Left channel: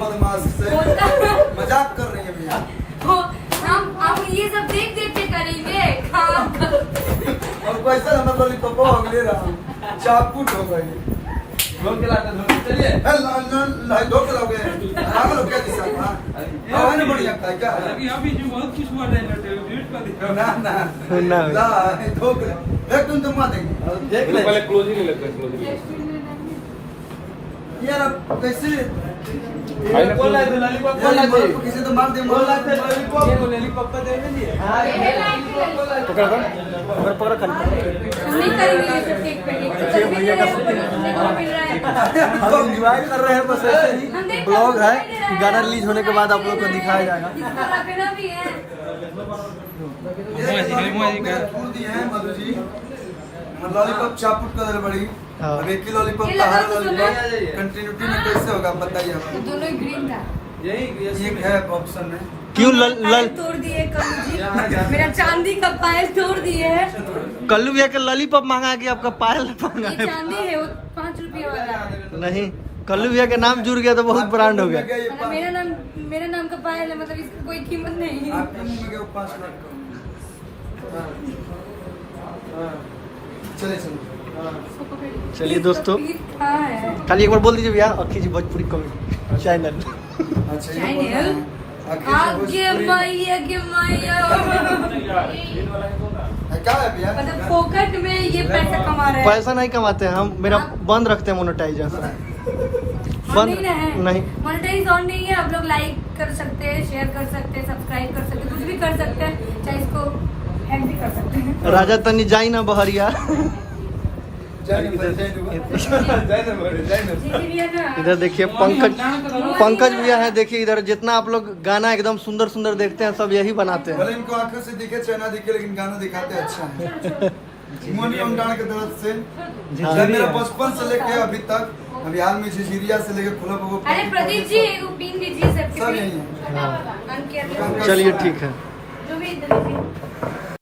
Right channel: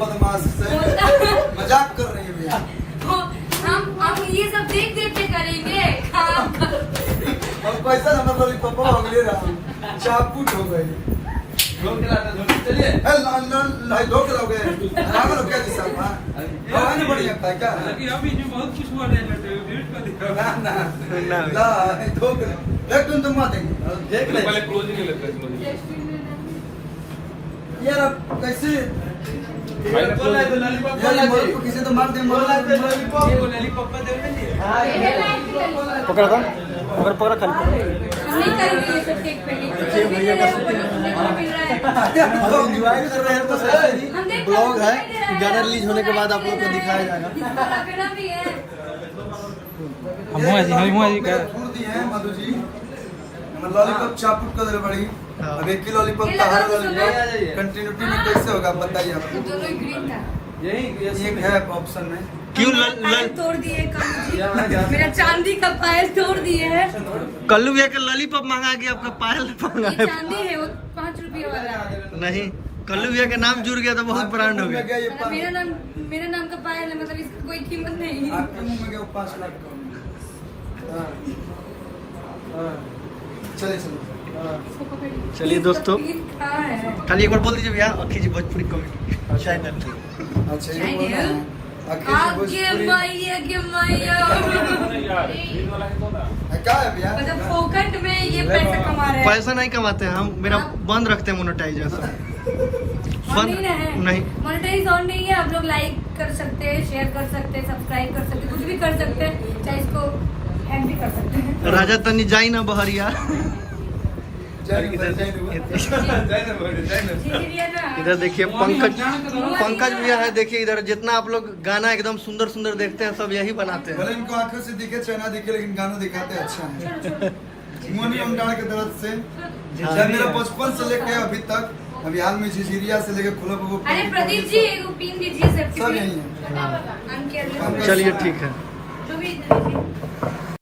बदमाश से मजाक कर रही है भैया। तो हम ये सब देख देख के करेंगे काम। और पैसा नंबर लॉलीपॉप हो गए रहा चापूट हो गई लोग चलाता धोती चलिए धो के लोगे आराम लोग क्या जैसा हां ने बढ़िया था क्या अभी जो बहुत कुछ हुआ है वीडियो का दिखा ना ला धो के एक दिन तुम मार देंगे देख ले पहले क्लोजिंग में लगता है यार अब कैसे बोल रहा है लॉलीपॉप को किसी तो मार दे लॉलीपॉप का दे नहीं है पकड़ा था पकड़ा खाली नहीं करेंगे ये सब देख पे भैया का हम एंजॉय कर रहे हैं बस ऐसे ही ब्लॉग है गाना रिलीज होने के बाद आप लोग को दिखाया जाएगा। मधु जी लॉलीपॉप चापुट का दर बड़ी अब एक ही लॉलीपॉप का हर लॉलीपॉप कंटिन्यूटी में कैसे होगा बताइए आप दोनों ग्रीन था। यही एक है ऑप्शन में क्यों पायल तोड़ दिए कल्लू जी मेरा चांदी का पायल तोड़ दिए है। कल्लू भैया का लॉलीपॉप मांगा कि आपका पायल मांगा ये है? चांदी है 5 रुपये वाला। नहीं कल्लू भैया का नाम जुड़ गया तो बहुत ब्रांड हो गया। मतलब मेरा नाम का पायल है मतलब इसकी कोई कीमत नहीं है। आपके मुंह में क्या 5 लाख का चलिए चलिए चलिए दोस्तों कहाँ है? खाली एक बार बोल दीजिए भैया अखी जी भोजपुरी कवि चैनल। अच्छा ये बोल रहे हैं आखिर से भोजपुरी क्या है भैया मतलब फोकट में ये पैसे कमा रहे हैं। पैसा नहीं कमाते हैं हम मेरा बंद रखते हैं मोनेटाइजेशन बंद नहीं मोनेटाइज ऑन नहीं है। आप लोग लाइक कर सकते हैं शेयर कर सकते हैं सब्सक्राइब कर सकते हैं कुछ भी कर सकते हैं चाहे इसको हैक भी कर सकते हैं। राजा तनी जाई ना बहरिया। इधर देखिए पंकज भैया है देखिए इधर जितना आप लोग गाना एकदम सुंदर सुंदर देखते हैं सब यही बनाते हैं। भले इनको आंखों से दिखे चाहे ना दिखे लेकिन गाना दिखाते अच्छा है। मोनी ओमडार के तरफ से जब मेरा बचपन से लेके अभी तक अभी हाल में झिझिरिया से लेके खुला बगो अरे प्रदीप जी वो पिन दीजिए सब यही है। चलिए ठीक है। जो भी